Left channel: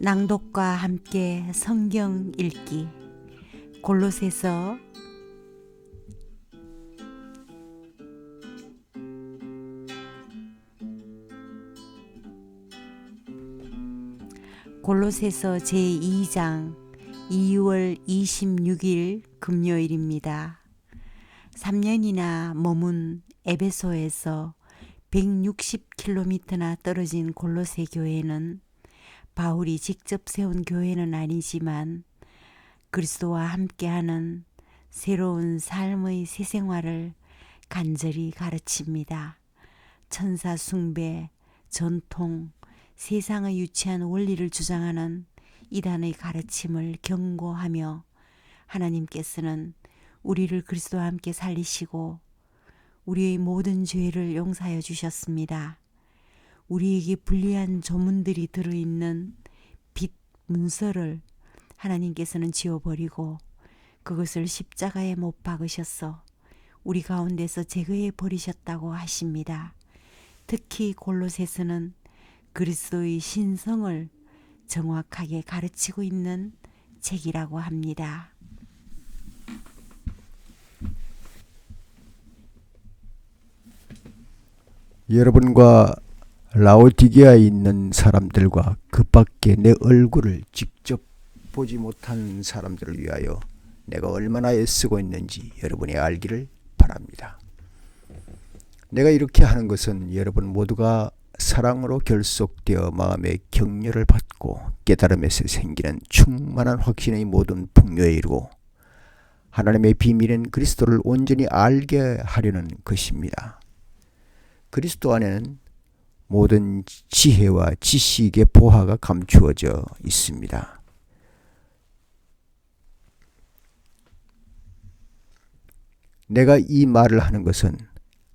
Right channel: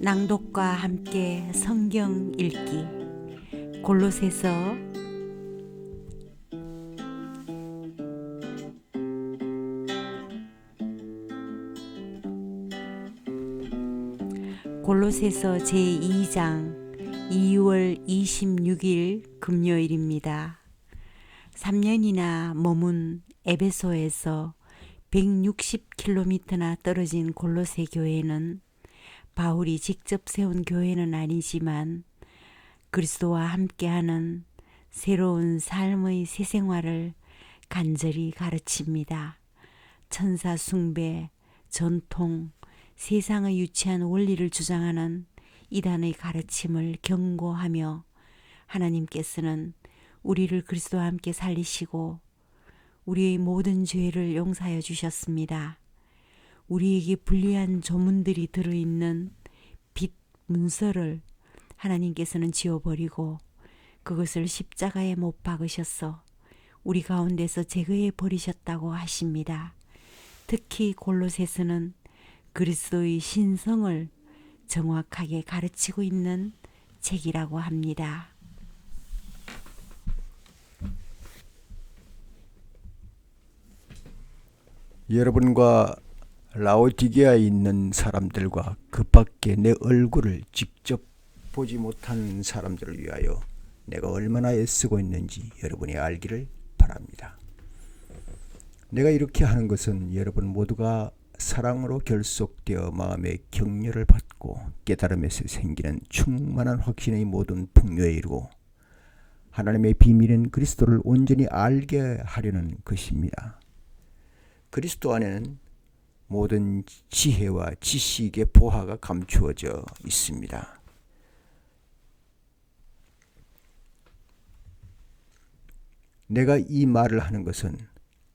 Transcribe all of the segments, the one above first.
낭독과 함께 성경 읽기 골로새서 골로새서 제2장 2월 26일 금요일입니다. 3년이나 머문 에베소에서 160km나 떨어진 골로새 교회는 바울이 직접 세운 교회는 아니지만 그리스도와 함께하는 새로운 삶의 새 생활을 간절히 가르칩니다. 천사 숭배, 전통, 세상의 유치한 원리를 주장하는 이단의 가르침을 경고하며 하나님께서는 우리를 그리스도와 함께 살리시고 우리의 모든 죄를 용서하여 주셨습니다. 우리에게 불리한 조문들이 들어있는 빛 문서를 하나님께서는 지워버리고 그것을 십자가에 못 박으셨어 우리 가운데서 제거해 버리셨다고 하십니다. 특히 골로새서는 그리스도의 신성을 정확하게 가르치고 있는 책이라고 합니다. 여러분과 라오디게아에 있는 사람들과 그 밖에 내 얼굴을 직접 보지 못한 사람들을 위하여 내가 얼마나 애쓰고 있는지 여러분이 알기를 바랍니다. 내가 이렇게 하는 것은 여러분 모두가 사랑으로 결속되어 마음의 격려를 받고 깨달음에서 생기는 충만한 확신의 모든 풍요에 이르고 하나님의 비밀은 그리스도를 온전히 알게 하려는 것입니다. 그리스도 안에는 모든 지혜와 지식의 보화가 감추어져 있습니다. 내가 이 말을 하는 것은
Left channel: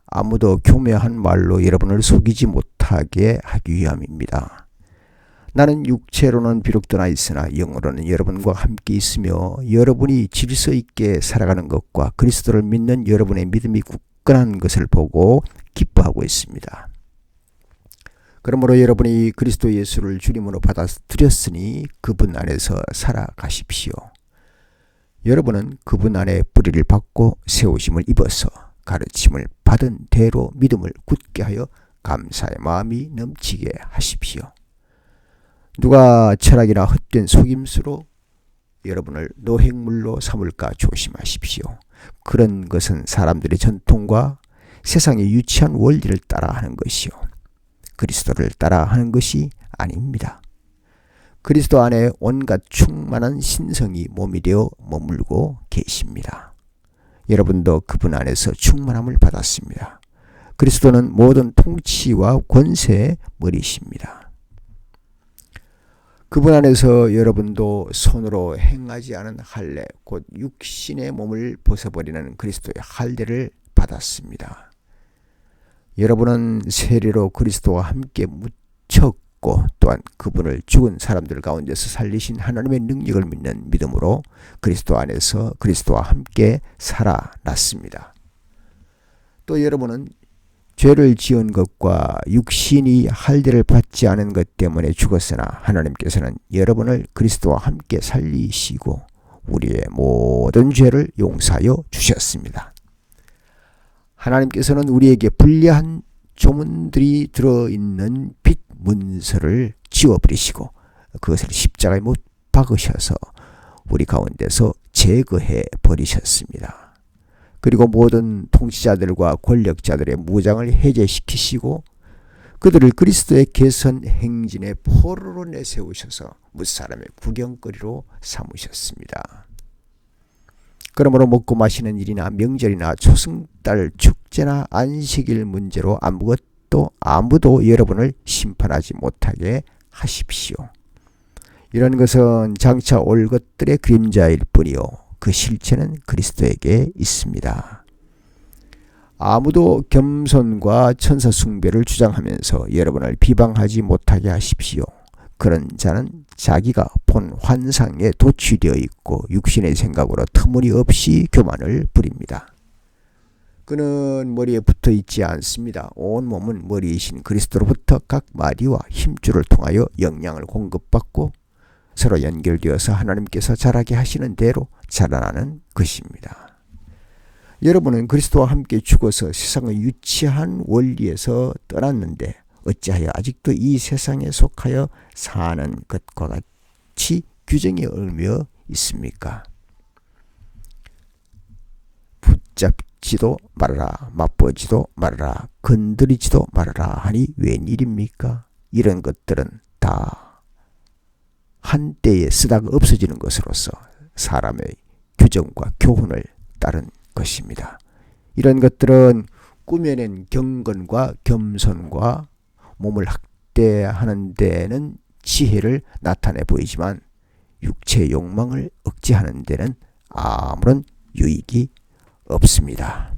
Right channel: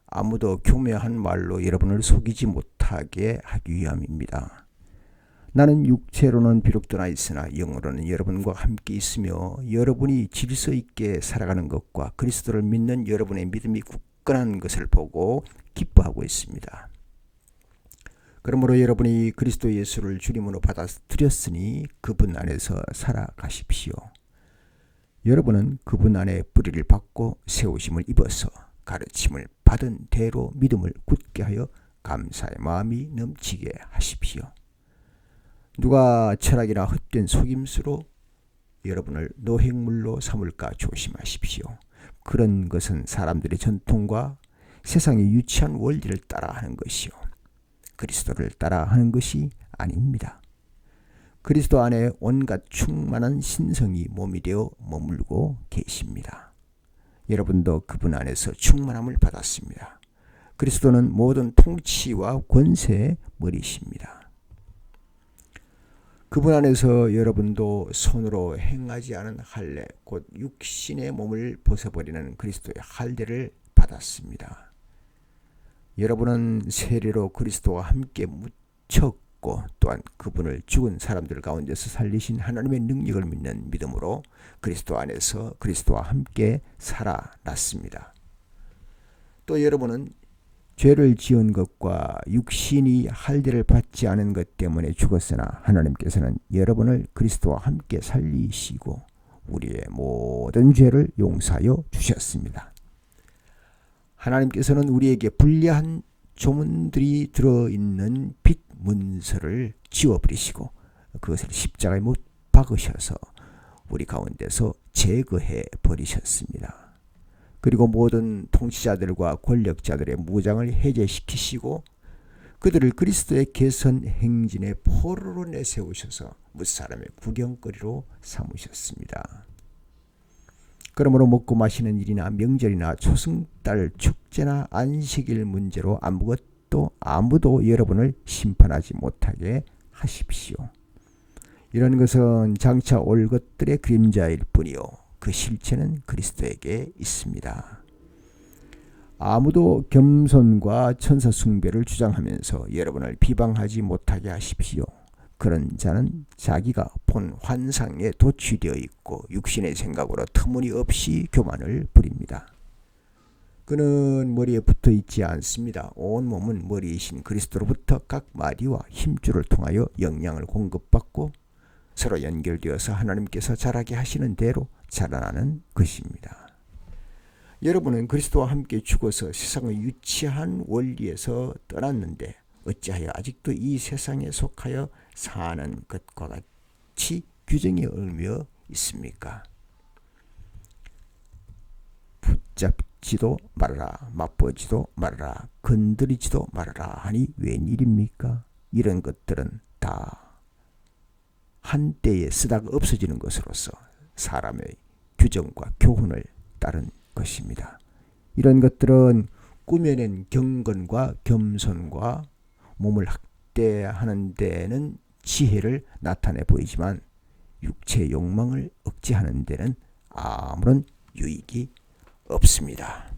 아무도 교묘한 말로 여러분을 속이지 못하게 하기 위함입니다. 나는 육체로는 비록 떠나 있으나 영으로는 여러분과 함께 있으며 여러분이 질서 있게 살아가는 것과 그리스도를 믿는 여러분의 믿음이 굳건한 것을 보고 기뻐하고 있습니다. 그러므로 여러분이 그리스도 예수를 주님으로 받아들였으니 그분 안에서 살아가십시오. 여러분은 그분 안에 뿌리를 받고 세우심을 입어서 가르침을 받은 대로 믿음을 굳게 하여 감사의 마음이 넘치게 하십시오. 누가 철학이나 헛된 속임수로 여러분을 노획물로 삼을까 조심하십시오. 그런 것은 사람들의 전통과 세상의 유치한 원리를 따라 하는 것이요. 그리스도를 따라 하는 것이 아닙니다. 그리스도 안에 온갖 충만한 신성이 몸이 되어 머물고 계십니다. 여러분도 그분 안에서 충만함을 받았습니다. 그리스도는 모든 통치와 권세의 머리십니다. 그분 안에서 여러분도 손으로 행하지 않은 할례, 곧 육신의 몸을 벗어버리는 그리스도의 할례를 받았습니다. 여러분은 세례로 그리스도와 함께 묻혔고 또한 그분을 죽은 사람들 가운데서 살리신 하나님의 능력을 믿는 믿음으로 그리스도 안에서 그리스도와 함께 살아났습니다. 또 여러분은 죄를 지은 것과 육신이 할례를 받지 않은 것 때문에 죽었으나 하나님께서는 여러분을 그리스도와 함께 살리시고 우리의 모든 죄를 용서하여 주셨습니다. 하나님께서는 우리에게 불리한 조문들이 들어있는 빛 문서를 지워버리시고 그것을 십자가에 못 박으셔서 우리 가운데서 제거해 버리셨습니다. 그리고 모든 통치자들과 권력자들의 무장을 해제시키시고 그들을 그리스도의 개선 행진의 포로로 내세우셔서 무사람의 구경거리로 삼으셨습니다. 그러므로 먹고 마시는 일이나 명절이나 초승달 축제나 안식일 문제로 아무것도 아무도 여러분을 심판하지 못하게 하십시오. 이런 것은 장차 올 것들의 그림자일 뿐이요 그 실체는 그리스도에게 있습니다. 아무도 겸손과 천사 숭배를 주장하면서 여러분을 비방하지 못하게 하십시오. 그런 자는 자기가 본 환상에 도취되어 있고 육신의 생각으로 터무니없이 교만을 부립니다. 그는 머리에 붙어 있지 않습니다. 온 몸은 머리이신 그리스도로부터 각 마디와 힘줄을 통하여 영양을 공급받고 서로 연결되어서 하나님께서 자라게 하시는 대로 자라나는 것입니다. 여러분은 그리스도와 함께 죽어서 세상의 유치한 원리에서 떠났는데 어찌하여 아직도 이 세상에 속하여 사는 것과 같이 규정이 얽며 있습니까? 붙잡지도 말아라, 맛보지도 말아라, 건드리지도 말아라 하니 웬일입니까? 이런 것들은 다 한때에 쓰다가 없어지는 것으로서 사람의 규정과 교훈을 따른 것입니다. 이런 것들은 꾸며낸 경건과 겸손과 몸을 학대하는 데는 지혜를 나타내 보이지만 육체의 욕망을 억제하는 데는 아무런 유익이 없습니다.